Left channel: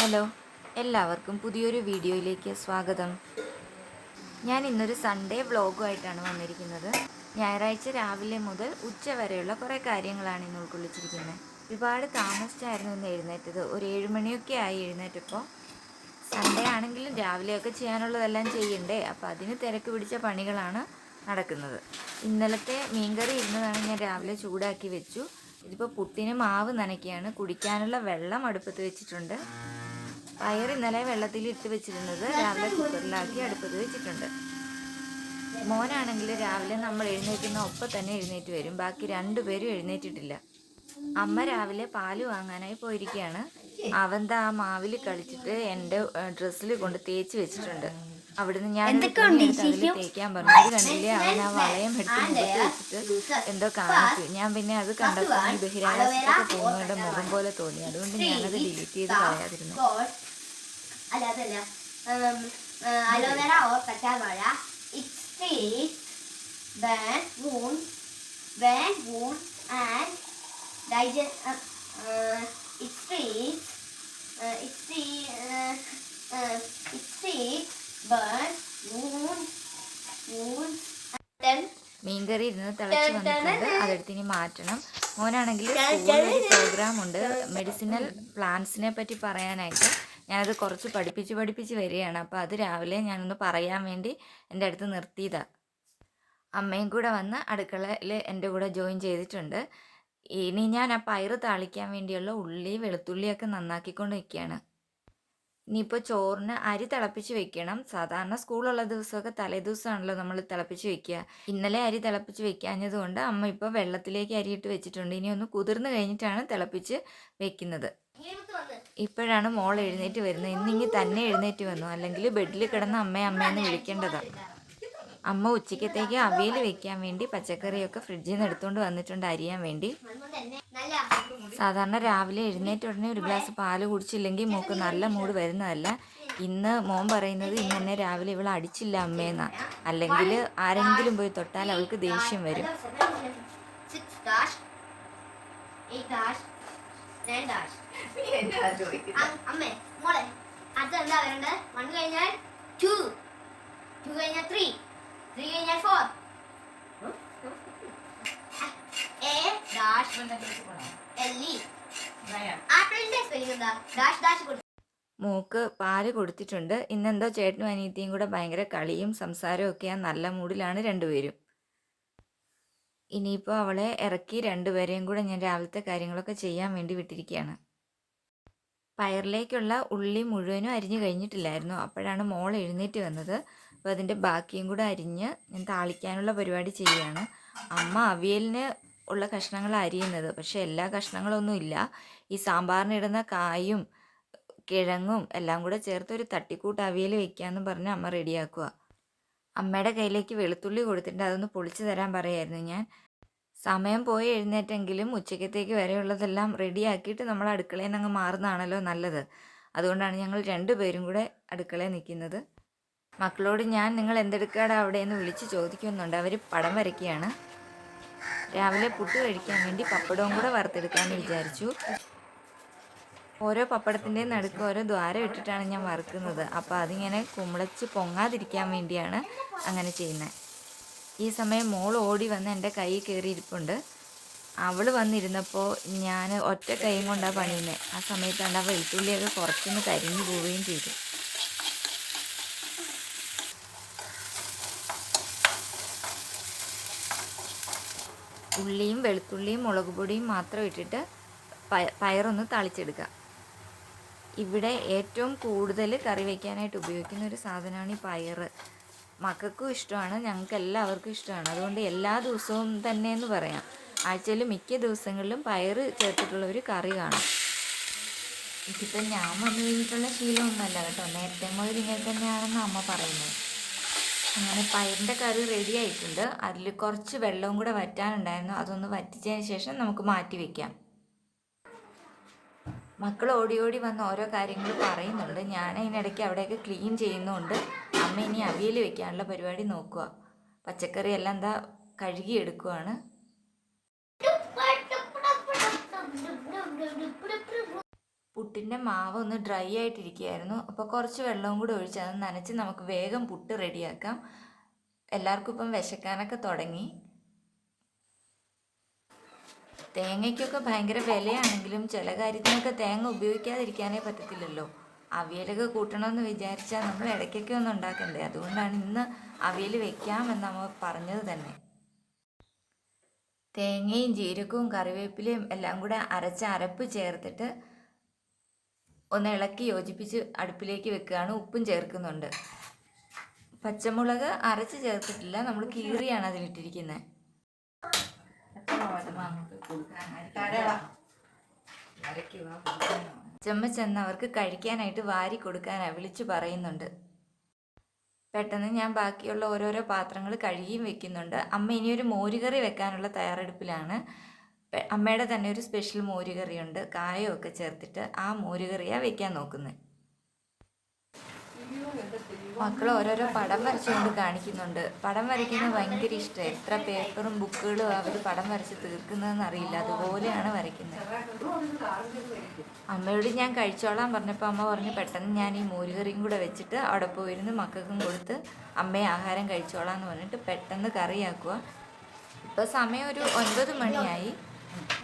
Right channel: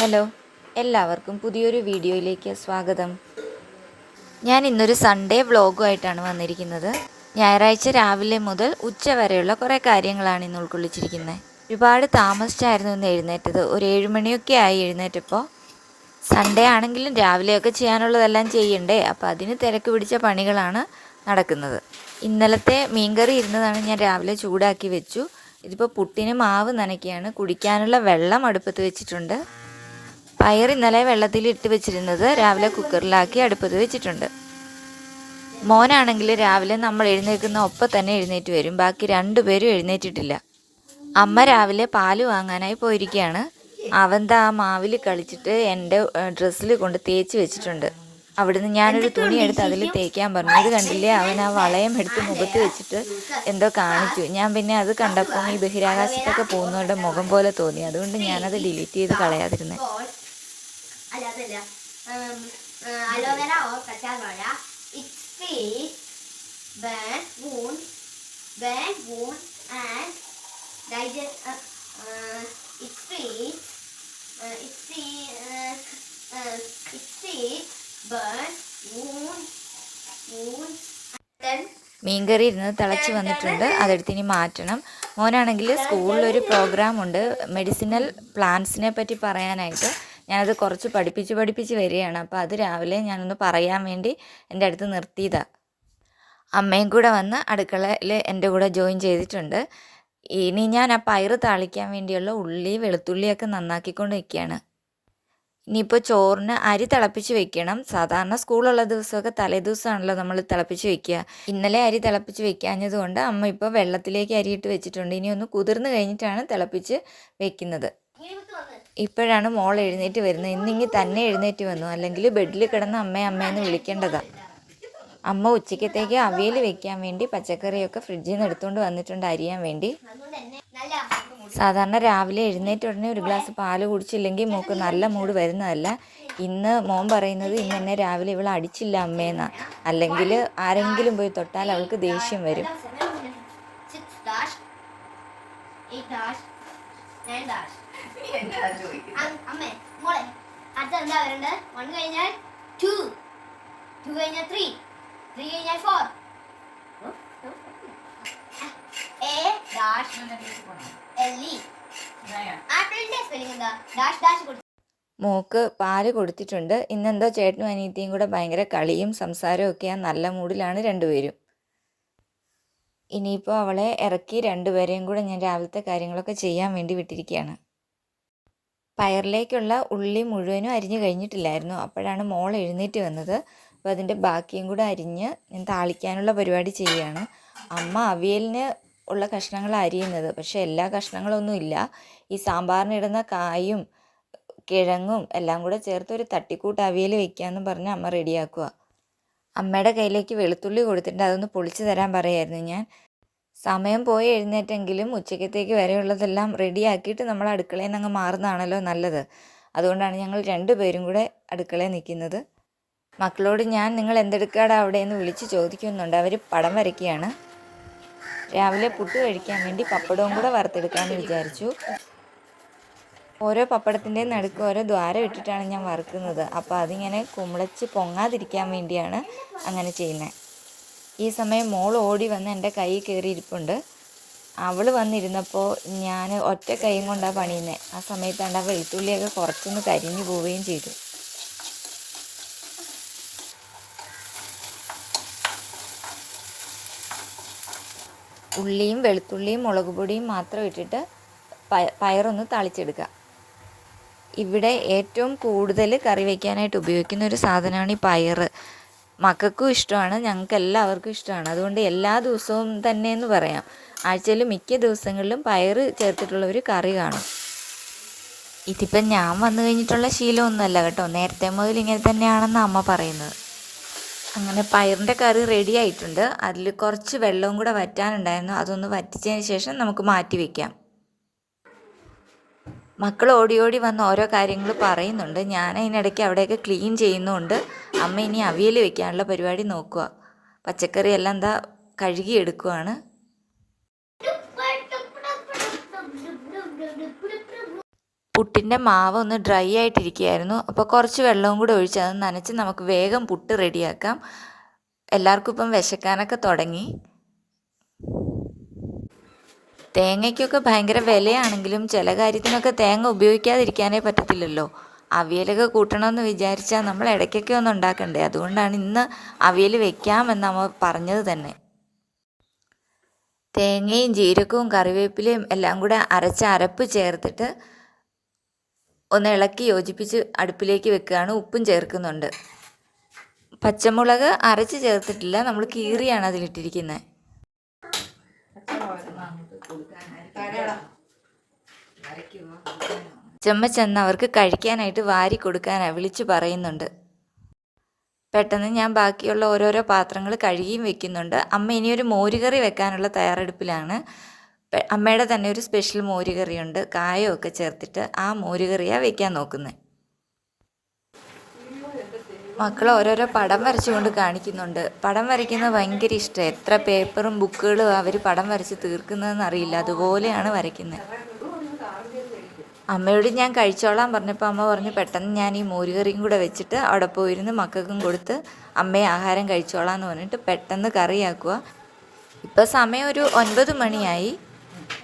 Hello എല്ലാവർക്കും പുതിയൊരു വീഡിയോയിലേക്ക് സ്വാഗതം. ഞാൻ ഇന്നൊരു സൺഡേ വ്ളോഗുമായിട്ടാണ് വന്നിരിക്കുന്നത്. ഞായറാഴ്ച രാവിലെ മുതൽ ഉച്ച വരെയുള്ള കുറേ കാര്യങ്ങളാണ് ഇന്ന് ഉൾക്കൊള്ളിച്ചിരിക്കുന്നത്. ഒരുപാട് താമസിച്ചായിരുന്നു ഇന്ന് എഴുന്നേറ്റത്. ഒരു ഏഴുമണിയൊക്കെ ആയി എഴുന്നേറ്റപ്പോൾ സൺഡേ ആണെങ്കിലും രാവിലെയൊക്കെ ചെയ്യാനുള്ളതെല്ലാം ചെയ്യണ്ടേ അപ്പോൾ അതിന് തിരക്ക് പിടിച്ച പണികളാണ് നടക്കുന്നത്. ഇന്നലത്തെ മീൻകറി ഇരുന്നതാണ് ഞാൻ രാവിലെ ചൂടാക്കി വെച്ചു. ഇതിപ്പോൾ പുട്ടിന് മാവ് നനയ്ക്കുകയാണ്. കുടിക്കാനുള്ള വെള്ളം അടുപ്പത്ത് വെച്ചിട്ടുണ്ട്. പയർ ഇന്നലെ വെള്ളത്തിൽ ഇട്ട് വെച്ചിരുന്നത് രാവിലെ കുക്കറിലാക്കി അടുപ്പത്ത് വെച്ചിട്ടുണ്ട്. മോനാണെങ്കിൽ രാവിലെ നമ്മൾ എഴുന്നേൽക്കുന്ന ഒപ്പം തന്നെ എഴുന്നേറ്റ് വരും. ബാക്കി രണ്ടുപേരും എഴുന്നേറ്റിട്ടില്ല. അമ്മ രാവിലെ പാൽ വാങ്ങാനായി പോയിരിക്കുകയാണ്. അവന്താ ആ മാവിൽ കളിച്ചിട്ട് എന്റെ ഡ്രസ്സിൽ കൊണ്ട് തേച്ച് വെച്ചിട്ടുണ്ട്. അവിടുന്ന് ഞാനൊരു തുണി എടുത്ത് അതിൽ തേക്കാൻ പറഞ്ഞു. അത് കണ്ടില്ലേ? അവൻ ആ വളയം എടുത്ത് മുഖത്ത് വെച്ചിട്ട് എന്തോ കാണിച്ചു. ഞാൻ പിന്നെ അത് കണ്ടപ്പോൾ ഈ ബഹിരാകാശത്തൊക്കെ പോകുന്നവരുടെ മുഖം പോലെ തോന്നി. അതുകൊണ്ട് ഞാനത് ഡിലീറ്റ് ചെയ്ത് കളയാതിരുന്നത് അല്ല അതല്ല. അലോവേര ഓർ കറ്റാർവാഴ. It face burn wound burn wound and digest it's wound മീൻകറി ഇരുന്ന് തിളച്ച് വന്നിട്ടുണ്ട്. അതെടുത്ത് ഇനി മാറ്റണം. മോനാണെങ്കിൽ സ്കൂളിൽ ഒരു പ്രോഗ്രാം ഉണ്ട്. മെഡിസിനൽ പ്ലാന്റ്സിനെ പറ്റി പറയാനായിട്ട്. ഞാനത് കുറച്ച് പഠിപ്പിച്ച് പഠിപ്പിച്ച് വരികയാണ്. അപ്പോൾ അത് രാവിലെ ഞാനൊന്ന് പറയാൻ വേണ്ടി എന്റെ അടുത്ത് നിർത്തിയതാണ് അമ്മയും കൂടെ വന്ന് അടുക്കളയിൽ എന്റെ കൂടെ ജോയിൻ ചെയ്തിട്ടുണ്ട്. ഇനി ഞാൻ ആ പയറ് താളിക്കാൻ വേണ്ടിയുള്ള ഉള്ളി വെളുത്തുള്ളിയൊക്കെ നന്നാക്കിക്കൊണ്ട് നിൽക്കുകയാണ്. ഇനിയിപ്പോൾ ചോറിന് അരി തിളപ്പിച്ച് വെക്കണം. സാധാരണ സ്കൂളുള്ള ദിവസമൊക്കെ തലേദിവസമാണല്ലോ നമ്മൾ തിളപ്പിച്ച് വെക്കുക. ഇന്നലെ അരി തിളപ്പിച്ച് വെക്കാഞ്ഞതുകൊണ്ട് അമ്മ ഇപ്പോൾ വെള്ളത്തിലേക്ക് അരിയിട്ട് വെച്ചിട്ടുണ്ട്. ഇനി ഒന്ന് കുതിർന്ന് കഴിഞ്ഞിട്ടാണ് തിളപ്പിച്ച് വെക്കുന്നത്. ഇപ്പോഴാണ് മോൾ എഴുന്നേറ്റ് വരുന്നത്. ഇന്നിങ്ങി തന്നെ എഴുന്നേറ്റ് വന്നു. അല്ലെങ്കിൽ ബെഡിൽ കിടന്ന് അമ്മ അമ്മയെന്ന് വിളിക്കേണ്ടതാണ് അമ്മ ഉച്ചക്കത്തേക്ക് അവിയൽ വെക്കാൻ വേണ്ടി പച്ചക്കറിയൊക്കെ ഫ്രിഡ്ജിൽ നിന്ന് എടുത്തുകൊണ്ട് വന്നിട്ടുണ്ട് അരിയാൻ വേണ്ടി. സാധാരണ രാവിലെ എഴുന്നേറ്റ് ഉടനെ ഒരു ഗ്ലാസ് പാൽ കുടിച്ചില്ലെങ്കിൽ മോക്ക് നല്ല മൂഡ് വരുന്നതല്ല. ഇന്ന് മോൻ പറയുന്നത് ഇന്ന് തന്നെ രാവിലെ ഇവൾ അടിച്ചില്ല അമ്മേന്നാ. അല്ലെങ്കിൽ ആരെങ്കിലും പോയി തൊട്ടാൽ അവൾക്ക് ദേഷ്യം വരും. അമ്മേ മോളെ അടുത്ത എന്താ വരണ്ടത്? വൺ കഴിഞ്ഞാൽ ടു ടു കഴിഞ്ഞാൽ ത്രീ ത്രീ കഴിഞ്ഞാൽ four A dash L E ആപ്പിളിന്റെ സ്പെല്ലിംഗ് എന്താ? ഡാഷ് ഡാഷ് കൊടുത്തു മോക്ക് പാൽ കൊടുത്തിട്ടുണ്ട്. ഇന്നെന്തോ ചേട്ടനും അനിയത്തിയും കൂടെ ഭയങ്കര കളിയും സംസാരവും ഒക്കെയാണ് നല്ല മൂഡിലാണ് രണ്ടുപേരും. ഇനിയിപ്പോൾ അവളെ ഇറക്കി രണ്ടുപേരെയും കൂടെ ഞാൻ രാവിലത്തെ കാര്യങ്ങളൊക്കെ ചെയ്യാൻ വേണ്ടി വിട്ടിരിക്കുകയാണ് പയറിലേക്കുള്ള ഉള്ളി മുഴുവനും അരിഞ്ഞു കഴിഞ്ഞിട്ടില്ലായിരുന്നു. അപ്പോഴാണ് മോൾ എഴുന്നേറ്റ് വന്നത്. അപ്പോൾ അതിന്റെ ബാക്കിയും കൂടെ അരിഞ്ഞ് ഞാൻ താളിക്കാനുള്ള പരിപാടി ചെയ്യുകയാണ്. അമ്മ അവിയലിന് ഉള്ള കഷ്ണങ്ങൾ അരിയുന്നത്. പക്ഷേ എല്ലാ കഷ്ണങ്ങളൊന്നും ഇല്ല. ഈ സാമ്പാറിനിടുന്ന കായും കിഴങ്ങും എല്ലാം കൂടെ ചേർത്ത് ഒരു തട്ടിക്കൂട്ട് അവിയൽ വെക്കാമെന്ന് പറഞ്ഞ് അമ്മ റെഡിയാക്കുക അമ്മയുടെ കയ്യിലേക്ക് വെളുത്തുള്ളി കൊടുത്തിട്ട് അതൊന്ന് പൊളിച്ചു തരാൻ പറയായിരുന്നു ഞാൻ. സമയം പോയി എഴുന്നേറ്റെങ്കിലും ഉച്ചക്കത്തേക്ക് വരെയുള്ളതെല്ലാം റെഡിയാക്കിയിട്ട് നമ്മൾ അടുക്കളയിൽ നിന്ന് അങ്ങ് മാറുന്നതാണല്ലോ നല്ലത്. അതുകൊണ്ടാണ് ഞങ്ങൾ രണ്ടുപേരും കൂടെ അടുക്കളയിൽ നിൽക്കുന്നത്. മക്കളോട് ഞാൻ നിങ്ങൾ എന്തെടുക്കാടാ അവിടെ? എന്ന് വിളിച്ച് ചോദിക്കുന്നുണ്ട്. അവർ പടം വരയ്ക്കുകയാണ്. രാവിലെ പുട്ട് കഴിക്കാൻ വേണ്ടി പപ്പടവും കൂടെ വറുത്തെടുക്കാമെന്ന് വിചാരിച്ചു. ഓരോ പപ്പടത്തിന്റെ നടുക്ക് ഓരോ ദ്വാരം ഇട്ടിട്ടാണ് ഞാൻ വറുക്കുന്നത്. അപ്പോൾ അതിങ്ങനെ കുമിളച്ച് പൊങ്ങാതിരിക്കാൻ വേണ്ടിയാണ് അങ്ങനെ ചെയ്യുന്നത് ഈ സമയം മോൾ ഓടി വന്ന് എന്റെ കൈ കയറിയിരിപ്പുണ്ട്. അവൾ വന്നിരുന്നപ്പോൾ ഞാൻ ഒറ്റ കൈയും കൊണ്ടാണ് പണിയുന്നത് ആ സമയത്താണ് ആ വെളുത്തുള്ളിയൊക്കെ കുറച്ചൊന്ന് കരിഞ്ഞു പോവുകയും ചെയ്തു. ഉള്ളിയും വെളുത്തുള്ളിയും മുളക് പൊടിയും മാത്രം ഇട്ടിട്ട് പയ- പയറൊന്ന് താളിച്ചെടുക്കുക. ഇവിടെ ഏറ്റവും കൂടുതൽ കറി വയ്ക്കാനായിട്ട് ഉപയോഗിക്കുന്ന ഒരു സാധനമാണ് ഈ പയർ മക്കൾക്കും ഇഷ്ടമാണ് ഞങ്ങൾക്ക് എല്ലാവർക്കും ഇഷ്ടമാണ്. അതുകൊണ്ട് എല്ലാ ദിവസവും തന്നെ എന്ന് പറയാം. ആഴ്ചയിൽ മിക്ക ദിവസങ്ങളിലും പയർ ചേർത്തിട്ടുള്ള ഒരു കറി കാണും. ഇതിപ്പം ഞാൻ വന്നു കഴിഞ്ഞിട്ടുള്ള ശീലമൊന്നുമല്ല കേട്ടോ. നേരത്തെ മുതൽ ഇങ്ങനെ തന്നെയാണെന്ന് അമ്മ പറയുന്നത്. അങ്ങനെ പയറിന്റെ കറി റെഡി ആയിട്ടുണ്ട്. അതിൽ കുറച്ച് വെള്ളവും കൂടെ വറ്റാനുണ്ടായിരുന്നു. അതൊന്ന് വറ്റിച്ചതിന് ശേഷം നമുക്ക് മാറ്റി വയ്ക്കാം മക്കൾ ഓടി ഓടി വന്ന് ഓരോ കാര്യങ്ങൾ പറയുന്നുണ്ട്. ഞാൻ അതിനിടയ്ക്ക് അവിടെയൊക്കെ ക്ലീൻ ചെയ്യുന്നുണ്ട്. അമ്മ ഇനി അവിയൽ വെക്കാനുള്ള പരിപാടി നോക്കുക. പച്ചക്കറി എല്ലാം എന്താ കഴുകി എടുക്കുവാണ്. പുട്ടിന്റെ മാവ് ഒന്ന് ഡ്രൈ ആയിട്ടിരിക്കുകയായിരുന്നു. അപ്പോൾ കുറച്ച് വെള്ളവും കൂടെ ഒഴിച്ച് അത് നനച്ച് നമുക്ക് വേഗം പുട്ട് റെഡിയാക്കാം. എല്ലാവർക്കും ഇപ്പം വിശക്കാനൊക്കെ തുടങ്ങി. തേങ്ങയ്ക്കൊക്കെ ഭയങ്കര വിലയാണെങ്കിലും ചില കാര്യത്തിനൊക്കെ തേങ്ങ ഉപയോഗിക്കാതിരിക്കാനേ പറ്റത്തില്ലല്ലോ. അവിയലൊക്കെ കൂട്ടണമെന്ന് വിചാരിച്ചാൽ നമ്മൾ ഇടയ്ക്കൊക്കെ ഒന്ന് ഉണ്ടാക്കണ്ടേ. അതുകൊണ്ടാണ് ഇന്ന് അവിയൽ വെക്കാമെന്ന് അമ്മ പറഞ്ഞത് തന്നെ. തേങ്ങയും ജീരകവും കറിവേപ്പിലയും എല്ലാം കൂടെ അരച്ച അരപ്പ് ചേർത്തിട്ട് ഒന്ന് ഇളക്കി യോജിപ്പിച്ച് അടുപ്പിലേക്ക് വെക്കുകയാണ്. ഉപ്പും ചേർക്കുന്നുണ്ട്. പച്ചമുളക് അരച്ച് ചേർത്തിട്ടില്ല. നമ്മൾ കീറിയാണ് അതിലിട്ടിരിക്കുന്നത് ചെമ്മ ചെന്ന് അവർക്ക് കഴിക്കാനായിട്ട് വാരി കൊടുക്കാനാണ് വിളിച്ചു പറയുന്നുണ്ട്. പെട്ടെന്ന് ഞാൻ ബാക്കിയുള്ള ഓരോരോ പാത്രങ്ങൾ കഴുകിയും വെക്കുന്നുണ്ട്. അമ്മ ഇനിയൊരു മോരുകറി വെക്കാനുള്ള തയ്യാറെടുപ്പിലാണ്. അമ്മയുടെ തന്നെ ഒരു സ്പെഷ്യൽ മോരുകറിയുണ്ട്. കായമൊക്കെ ചേർത്തിട്ട് ആ മോരുകറിയാണ് വെക്കാൻ നോക്കുന്നത് മക്കൾ ഓരോരോ പടം വരച്ചുകൊണ്ട് കാണിക്കുന്നുണ്ട്. പടം വരയ്ക്കുന്നത് ഭയങ്കര ഇഷ്ടം. എത്ര പേപ്പറും ബുക്കുകളും അവർ പടം വരച്ച് തീർക്കുന്നതെന്ന് അറിയില്ല. അതുപോലെയാണ് വരയ്ക്കുന്നത്. അമ്മയോട് ഞാൻ കഴിച്ചോളാൻ പറഞ്ഞപ്പോൾ അമ്മ പറഞ്ഞു പെട്ടെന്ന് ഞാൻ ഈ മോരുകറിയും കൂടെ വെച്ചിട്ട് അവിടെ പോയിരുന്ന് മക്കൾക്കും കൊടുത്ത് അമ്മയെ ആഹാരം കഴിച്ചോളാം എന്ന് പറഞ്ഞിട്ട് പെട്ടെന്ന് കറിയാക്കുക ഇപ്പോൾ സമയം ഒരു ഒൻപത് മണിയായി.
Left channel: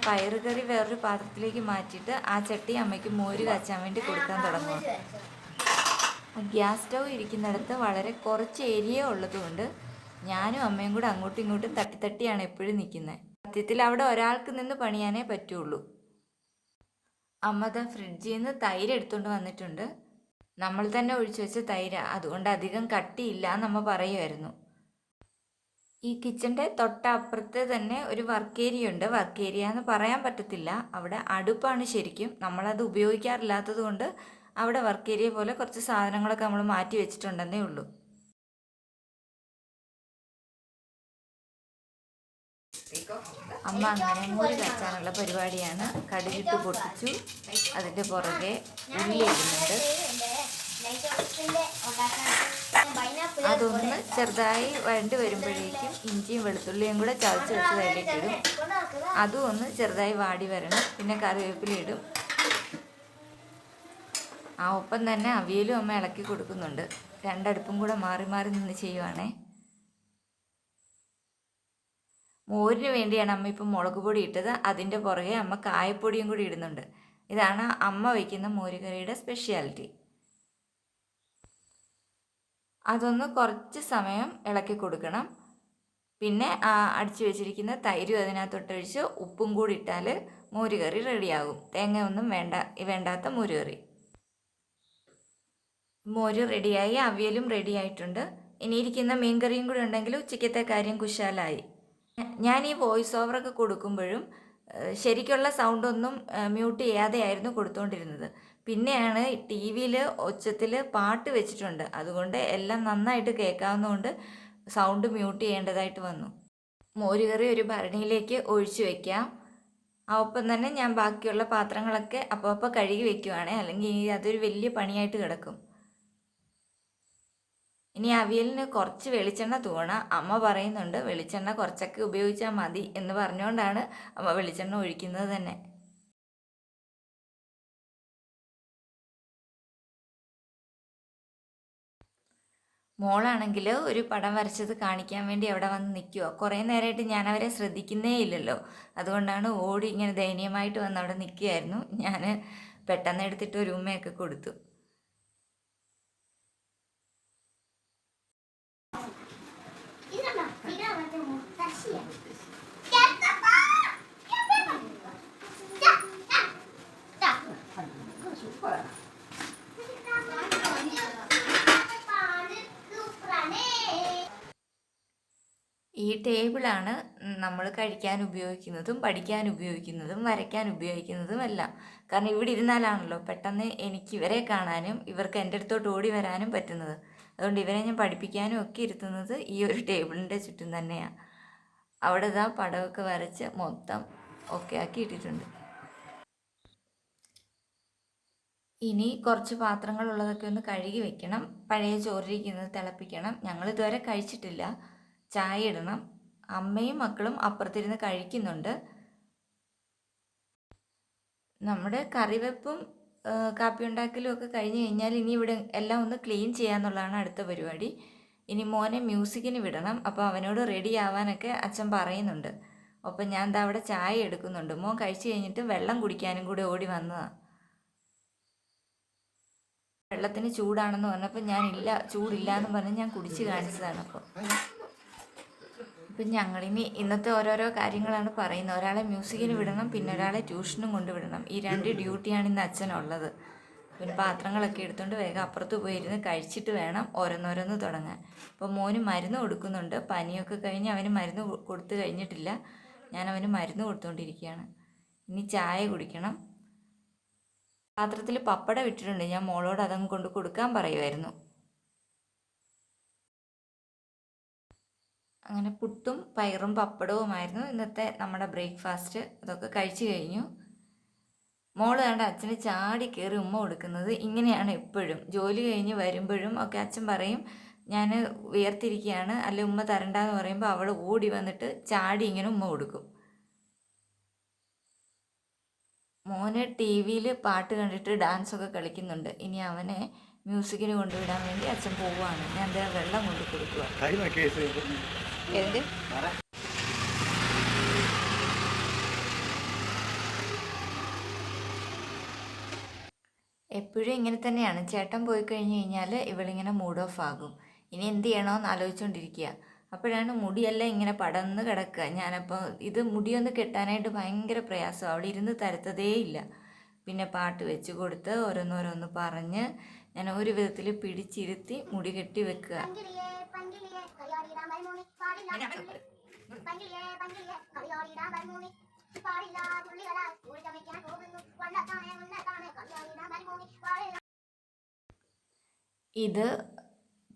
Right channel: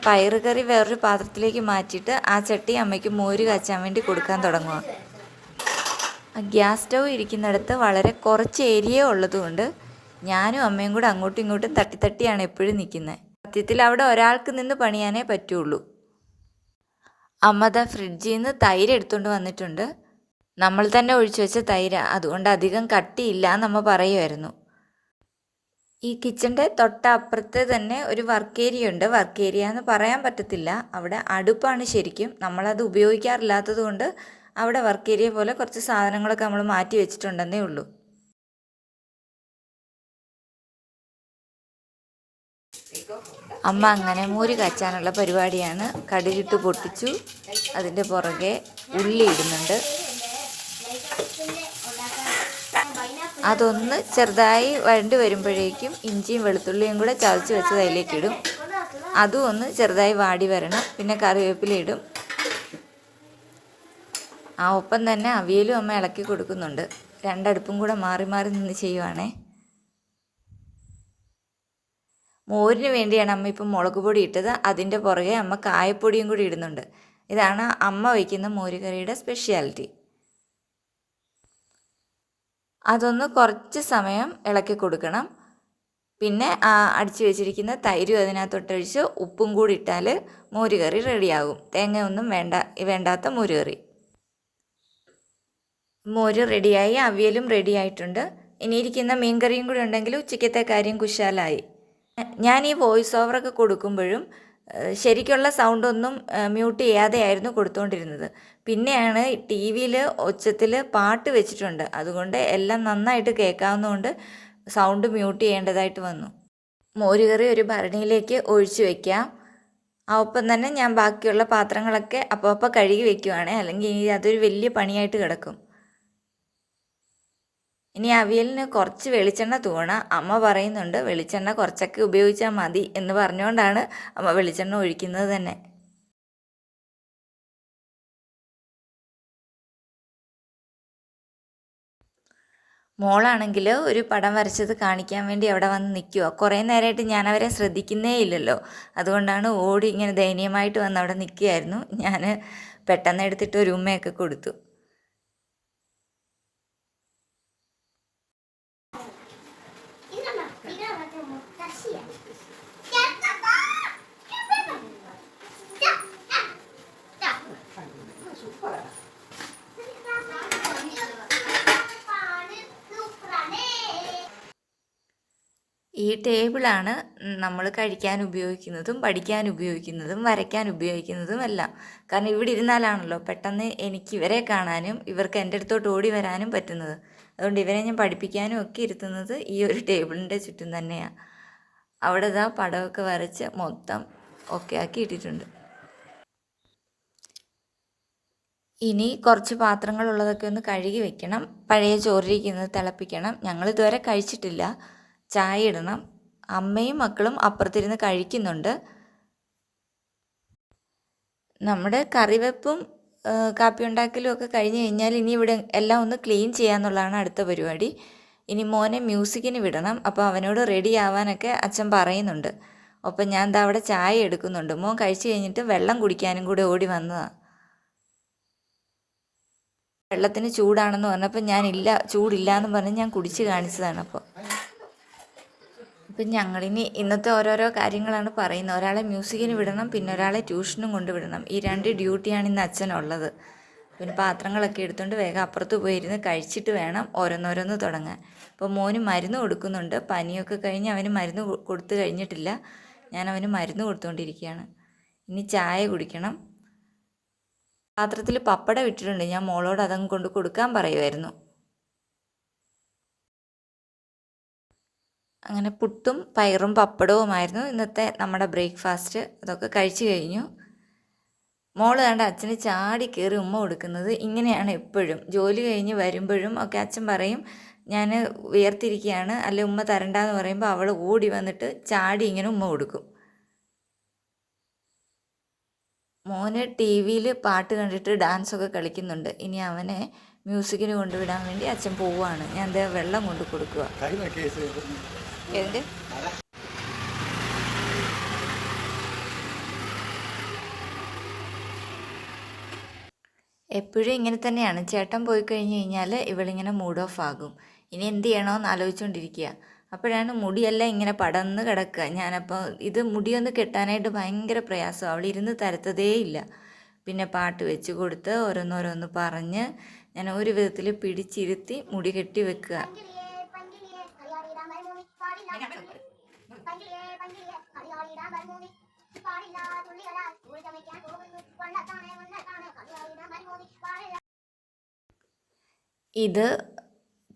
പയറുകറി വേറൊരു പാത്രത്തിലേക്ക് മാറ്റിയിട്ട് ആ ചട്ടി അമ്മയ്ക്ക് മോര് കാച്ചാൻ വേണ്ടി കൊടുക്കാൻ തുടങ്ങുക ഗ്യാസ് സ്റ്റൗ ഇരിക്കുന്നിടത്ത് വളരെ കുറച്ച് ഏരിയ ഉള്ളതുകൊണ്ട് ഞാനും അമ്മയും കൂടെ അങ്ങോട്ടും ഇങ്ങോട്ടും തട്ടി തട്ടിയാണ് എപ്പോഴും നിൽക്കുന്നത്. സത്യത്തിൽ അവിടെ ഒരാൾക്ക് നിന്ന് പണിയാനേ പറ്റുള്ളൂ. അമ്മത ഫ്രിഡ്ജിൽ നിന്ന് തൈര് എടുത്തുകൊണ്ട് വന്നിട്ടുണ്ട്. നമ്മൾ തന്നെ ഒഴിച്ചു വെച്ച തൈര. അതുകൊണ്ട് അധികം കട്ടിയില്ല എന്നമ്മ പറയുമായിരുന്നു. ഈ കിച്ചന്റെ തൊട്ടപ്പുറത്ത് തന്നെ ഒരു വർക്ക് ഏരിയ ഉണ്ട്. വർക്ക് ഏരിയ എന്ന് പറയാൻ പറ്റത്തില്ല. അവിടെ അടുപ്പാണ് ശരിക്കും. നമ്മളത് ഉപയോഗിക്കാറില്ലാത്തത് കൊണ്ട് അവിടെ വർക്ക് ഏരിയ പോലെ കുറച്ച് സാധനങ്ങളൊക്കെ നമ്മൾ മാറ്റി വെച്ചിട്ടുണ്ടെന്നേ ഉള്ളൂ. അമ്മ അങ്ങനെ മോര് കച്ചാനുള്ള പരിപാടിയാണ്. കടുകിട്ട് പൊട്ടിച്ചു. അതിന്റെ പുറകെ ഉള്ളി ഇടുന്നുണ്ട്. അതൊന്ന് ചെറുതായി വഴണ്ടി വരുമ്പോഴേക്കും ഇഞ്ചിയും വെളുത്തുള്ളിയും കൂടെ ചതച്ച് വെച്ചത് അതിലേക്കിടും അതും ഒന്ന് ചെറുതായി വാടി വരണം. പിന്നെ കറിവേപ്പില ഇടും. ആ ഒപ്പം തന്നെ അവിയലും അമ്മ ഇളക്കി കൊടുക്കുന്നുണ്ട്. രണ്ടടുപ്പും കൂടെ മാറി മാറി നിന്ന് ചെയ്യുവാണേ. മോരിന് വേണ്ടിയാണ് അമ്മ ഇപ്പം മുളക് പൊടി ഇട്ടത്. അതിന്റെ പുറകെ അമ്മ കായപ്പൊടിയും കൂടി ഇടുന്നുണ്ട്. ഇതാണ് അമ്മ വയ്ക്കുന്ന മോരുകറിയുടെ സ്പെഷ്യാലിറ്റി. അതൊന്ന് കുറച്ച് സമയം ഇളക്കി കൊടുക്കണം. പിന്നെ അടിച്ചു വെച്ചിരിക്കുന്ന തൈരും അതിനകത്തൊട്ടൊഴിച്ച് ഉപ്പും കൂടി ഇട്ടാൽ മോരുകറി റെഡിയാകും. തേങ്ങയൊന്നും വേണ്ട വേണ്ടാത്ത മോരുകറി. മോര് റെഡിയായി അവിയലും റെഡി ആയിട്ടുണ്ട് ഇനിയിരിക്കുന്ന മീൻകറിയും കൂടി ഉണ്ടെങ്കിൽ ഉച്ചയ്ക്കത്തെ കാര്യം കുശാലായി. ഞാൻ ഈ വോയിസ് ഓവറൊക്കെ കൊടുക്കുമ്പോഴും ശരിക്കുള്ള സൗണ്ടൊന്നും മ്യൂട്ട് ചെയ്യാതെയായിരുന്നു കൊടുത്തുകൊണ്ടിരുന്നത് പിന്നെയാണ് ടി വിയിൽ ഒച്ചത്തിൽ പാട്ട് വെച്ചിട്ടുണ്ട്. അതുകൊണ്ട് എല്ലാം നന്നായിട്ട് കേൾക്കാവുന്നതുകൊണ്ട് സൗണ്ട് മ്യൂട്ട് ചെയ്യേണ്ടതായിട്ട് വന്നു. മോരുകറി ഒരു ഭരണിയിലേക്ക് ഒഴിച്ചു വെക്കാം. ഒപ്പം തന്നെ ഞാൻ ബാക്കിയുള്ള പാത്രങ്ങളൊക്കെ അപ്പോൾ അപ്പോൾ കഴുകി വെക്കുവാണ്. അല്ലെങ്കിൽ ഇനി അതൊരു വലിയ പണിയായിട്ട് കിടക്കും. ഇനി അവിയലിന് കുറച്ച് വെളിച്ചെണ്ണ തൂവണം. അമ്മ പറയുന്നുണ്ട് വെളിച്ചെണ്ണ കുറച്ചൊക്കെ ഉപയോഗിച്ചാൽ മതി എന്ന് പറഞ്ഞുകൊണ്ടാണ് അമ്മ വെളിച്ചെണ്ണ ഒഴിക്കുന്നത് തന്നെ. മോളാണെങ്കിൽ ഒരു പടം വരച്ചത് കാണിക്കാൻ വേണ്ടി അവിടെ വന്ന് നിൽക്കുക കുറേ നേരമായിട്ട് ഞാൻ അവരെ ശ്രദ്ധിക്കുന്നേ ഇല്ലല്ലോ. അതുകൊണ്ടാണ് ഓടി ഇങ്ങനെ ദയനീയമായിട്ട് വന്ന് അവിടെ നിൽക്കുകയായിരുന്നു ഞാൻ പെട്ടെന്ന് എടുത്തിട്ട് ഒരു ഉമ്മയൊക്കെ കൊടുത്തു. ഈ ടേബിളാണ് നമ്മൾ കഴിക്കാൻ ഉപയോഗിക്കുന്നതും പഠിക്കാൻ ഉപയോഗിക്കുന്നതും വരയ്ക്കാൻ ഉപയോഗിക്കുന്നതും എല്ലാം. കാരണം ഇവിടെ ഇരുന്നാലാണല്ലോ പെട്ടെന്ന് എനിക്ക് ഇവരെ കാണാനും ഇവർക്ക് എന്റെ അടുത്തോട്ട് ഓടി വരാനും പറ്റുന്നത്. അതുകൊണ്ട് ഇവരെ ഞാൻ പഠിപ്പിക്കാനും ഒക്കെ ഇരുത്തുന്നത് ഈ ഒരു ടേബിളിന്റെ ചുറ്റും തന്നെയാണ് അവിടെ ഇതാ പടമൊക്കെ വരച്ച് മൊത്തം ഒക്കെ ആക്കി ഇട്ടിട്ടുണ്ട്. ഇനി കുറച്ച് പാത്രങ്ങൾ ഉള്ളതൊക്കെ ഒന്ന് കഴുകി വെക്കണം. പഴയ ചോറിരിക്കുന്നത് തിളപ്പിക്കണം. ഞങ്ങൾ ഇതുവരെ കഴിച്ചിട്ടില്ല. ചായ ഇടണം. അമ്മയും മക്കളും അപ്പുറത്തിരുന്ന് കഴിക്കുന്നുണ്ട്. നമ്മുടെ കറിവെപ്പും കാപ്പി ഉണ്ടാക്കലും ഒക്കെ കഴിഞ്ഞ് കഴിഞ്ഞാൽ ഇനി ഇവിടെ എല്ലാം ഒന്ന് ക്ലീൻ ചെയ്യാന്നുള്ളതാണ് അടുത്ത പരിപാടി. ഇനി മോനെ മ്യൂസിക്കിന് വിടണം. അപ്പോൾ അവനോട് റെഡി ആവാനൊക്കെ അച്ഛൻ പറയുന്നുണ്ട്. അപ്പം ഞാൻ ദാ അവിടെ ചായ എടുക്കുന്നുണ്ട്. മോൻ കഴിച്ചു കഴിഞ്ഞിട്ട് വെള്ളം കുടിക്കാനും കൂടെ ഓടി വന്നതാണ് വെള്ളത്തിന് ചൂടാണെന്ന് പറഞ്ഞപ്പോൾ ഞാൻ ഇല്ല ചൂടില്ല എന്ന് പറഞ്ഞ് ഞാൻ കുടിച്ച് കാണിച്ചതാണ് അപ്പോൾ ഇപ്പം ഞങ്ങളിനി ഇന്നത്തെ ഓരോരോ കാര്യങ്ങളാണ് പറയുന്നത്. ഒരാളെ മ്യൂസിക്കിന് വിടണം പിന്നെ ഒരാളെ ട്യൂഷനും കൊണ്ടുവിടണം ഈ രണ്ട് ഡ്യൂട്ടിയാണ് ഇന്ന് അച്ഛനുള്ളത്. പിന്നെ പാത്രങ്ങളൊക്കെ എടുത്തുകൊണ്ട് വേഗം അപ്പുറത്ത് പോയി പോയിരുന്ന് കഴിച്ചിട്ട് വേണം ഓരോന്നോരോന്ന് തുടങ്ങാൻ. ഇപ്പോൾ മോന് മരുന്ന് കൊടുക്കുന്നുണ്ട്. പനിയൊക്കെ കഴിഞ്ഞ് അവന് മരുന്ന് കൊടുത്തു കഴിഞ്ഞിട്ടില്ല. ഞാൻ അവന് മരുന്ന് കൊടുത്തുകൊണ്ടിരിക്കുകയാണ് ഇനി ചായ കുടിക്കണം. പാത്രത്തിൽ പപ്പടം ഇട്ടിട്ടുണ്ട്. ഞാൻ മോളോട് അതങ്ങ് കൊണ്ട് കൊടുക്കാൻ പറയുമായിരുന്നു അങ്ങനെ പുട്ടും പയറും പപ്പടവുമായിരുന്നു ഇന്നത്തെ നമ്മുടെ ബ്രേക്ക്ഫാസ്റ്റ്. അതൊക്കെ കഴിച്ചു കഴിഞ്ഞു. മോൾ കണ്ട അച്ഛന് ചാടി കയറി ഉമ്മ കൊടുക്കുന്നത് ഇങ്ങനെയാണ് എപ്പോഴും. ജോലി കഴിഞ്ഞ് വരുമ്പോഴും ഒക്കെ അച്ഛൻ പറയും ഞാൻ ഉയർത്തിരിക്കുകയാണ് അല്ലെ ഉമ്മ തരണ്ടെന്ന് പറയുമ്പോൾ അവൾ ഓടി വന്നിട്ട് ചാടി ഇങ്ങനെ ഉമ്മ കൊടുക്കും. മോന് ടി വിയിൽ പാട്ട് കണ്ടിട്ട് ഡാൻസൊക്കെ കളിക്കുന്നുണ്ട്. ഇനി അവനെ മ്യൂസിക്കിന് കൊണ്ടുവിടാൻ വേണ്ടി അച്ഛൻ പോവുകയാണ്. ഞാൻ വെള്ളം കൊണ്ട് കൊടുക്കുക എപ്പോഴും ഇങ്ങനെ തന്നെയാണ് ചേട്ടൻ പോയി കഴിഞ്ഞ് കഴിഞ്ഞാൽ ഇവളിങ്ങനെ മൂഡ് ഓഫ് ആകും ഇനി എന്ത് ചെയ്യണമെന്ന് ആലോചിച്ചുകൊണ്ടിരിക്കുക അപ്പോഴാണ് മുടിയെല്ലാം ഇങ്ങനെ പടന്ന് കിടക്കുക ഞാനപ്പോൾ ഇത് മുടിയൊന്ന് കെട്ടാനായിട്ട് ഭയങ്കര പ്രയാസം അവൾ ഇരുന്ന് തരത്തതേ ഇല്ല പിന്നെ പാട്ട് വെച്ച് കൊടുത്ത് ഓരോന്നോരോന്ന് പറഞ്ഞ് ഞാൻ ഒരു വിധത്തിൽ പിടിച്ചിരുത്തി മുടി കെട്ടി വെക്കുക പാടില്ല തുള്ളികളാൽ കൂടി ചമയ്ക്കാൻ പോകുന്നു വണ്ണത്താണേ വണ്ണത്താണേ ഇത്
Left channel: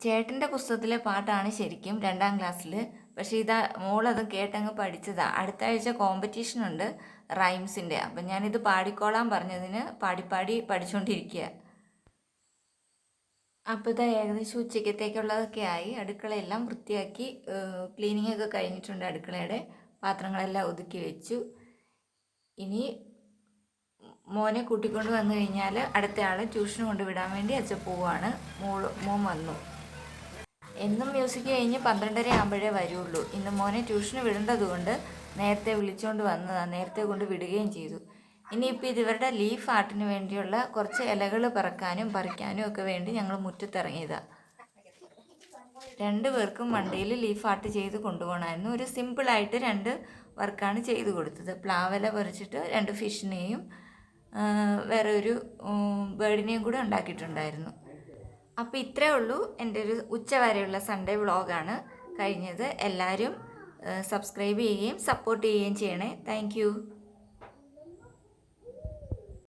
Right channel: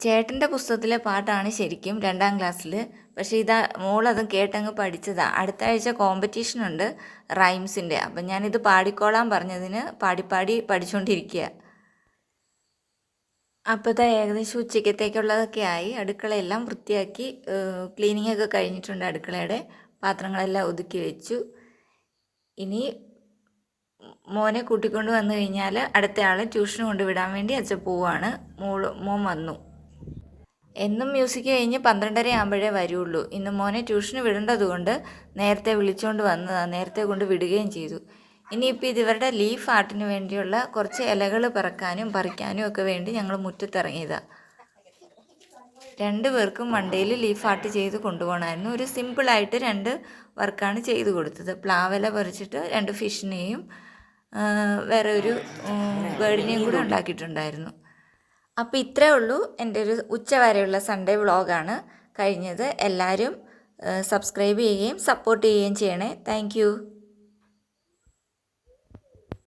ചേട്ടന്റെ പുസ്തകത്തിലെ പാട്ടാണ് ശരിക്കും രണ്ടാം ക്ലാസ്സിൽ പക്ഷേ ഇതാ മോളത് കേട്ടങ്ങ് പഠിച്ചതാണ് അടുത്ത ആഴ്ച കോമ്പറ്റീഷൻ ഉണ്ട് റൈംസിന്റെ. അപ്പം ഞാനിത് പാടിക്കോളാൻ പറഞ്ഞതിന് പാടിപ്പാടി പാടി പഠിച്ചുകൊണ്ടിരിക്കുക അപ്പോൾ ഇതാ ഏകദേശം ഉച്ചക്കത്തേക്കുള്ളതൊക്കെ ആയി. അടുക്കളയെല്ലാം വൃത്തിയാക്കി ക്ലീനിങ് ഒക്കെ കഴിഞ്ഞിട്ടുണ്ട് അടുക്കളയുടെ. പാത്രങ്ങളെല്ലാം ഒതുക്കി വെച്ചു. ഇനി മോനെ കൂട്ടിക്കൊണ്ട് വന്നു കഴിഞ്ഞാൽ അടുത്ത ആളെ ട്യൂഷൻ കൊണ്ടുവിടാൻ വേണ്ടി അച്ഛൻ പോവാണ് മോൾ മോൻ വന്നു. എന്നും മ്യൂസിക് കഴിഞ്ഞ് പന്ത്രണ്ടര ആകുമ്പോഴേ വരുള്ളൂ. ഇന്ന് മോനെ ട്യൂഷന് വിടേണ്ടതുകൊണ്ട് നേരത്തെ വിളിച്ചുകൊണ്ട് വന്നതാണ് നേരത്തെ കൊണ്ട് വിടുകയും ചെയ്തു. ഇനിയിപ്പോൾ ഇതിവരുടെ ലീഫ് ആർട്ടിന് വേണ്ടിയുള്ള കുറച്ച് ഇലകൾ പറക്കാനും പറിക്കാനും ഒക്കെ വേണ്ടി ഞങ്ങൾ മുറ്റത്തിറങ്ങിയതാണ് രണ്ട് പേർക്കും വണ്ടിയിൽ ലീഫ് ആർട്ട് ചെയ്ത് കൊണ്ടുപോകണമായിരുന്നു. ഒരു സിമ്പിളായിട്ട് രണ്ട് വർക്കാണ് ചെയ്തു കൊടുത്തത്. പ്ലാവില പറിച്ചിട്ട് രണ്ട് ഫിഷിനെയും വേറെ ഒരു ബേർഡിനെയും കൂടെ ഉണ്ടാക്കിയിട്ടുണ്ടായിരുന്നു. അപ്പോൾ ഇത്രേ ഉള്ളൂ. എന്റെ ഒരു ഉച്ചവരെയുള്ള സൺഡേ വ്ളോഗാണ് കഴിഞ്ഞത്. എല്ലാവരും സബ്സ്ക്രൈബ് ചെയ്യുകയും സപ്പോർട്ട് ചെയ്യുകയും ചെയ്യണേ. താങ്ക്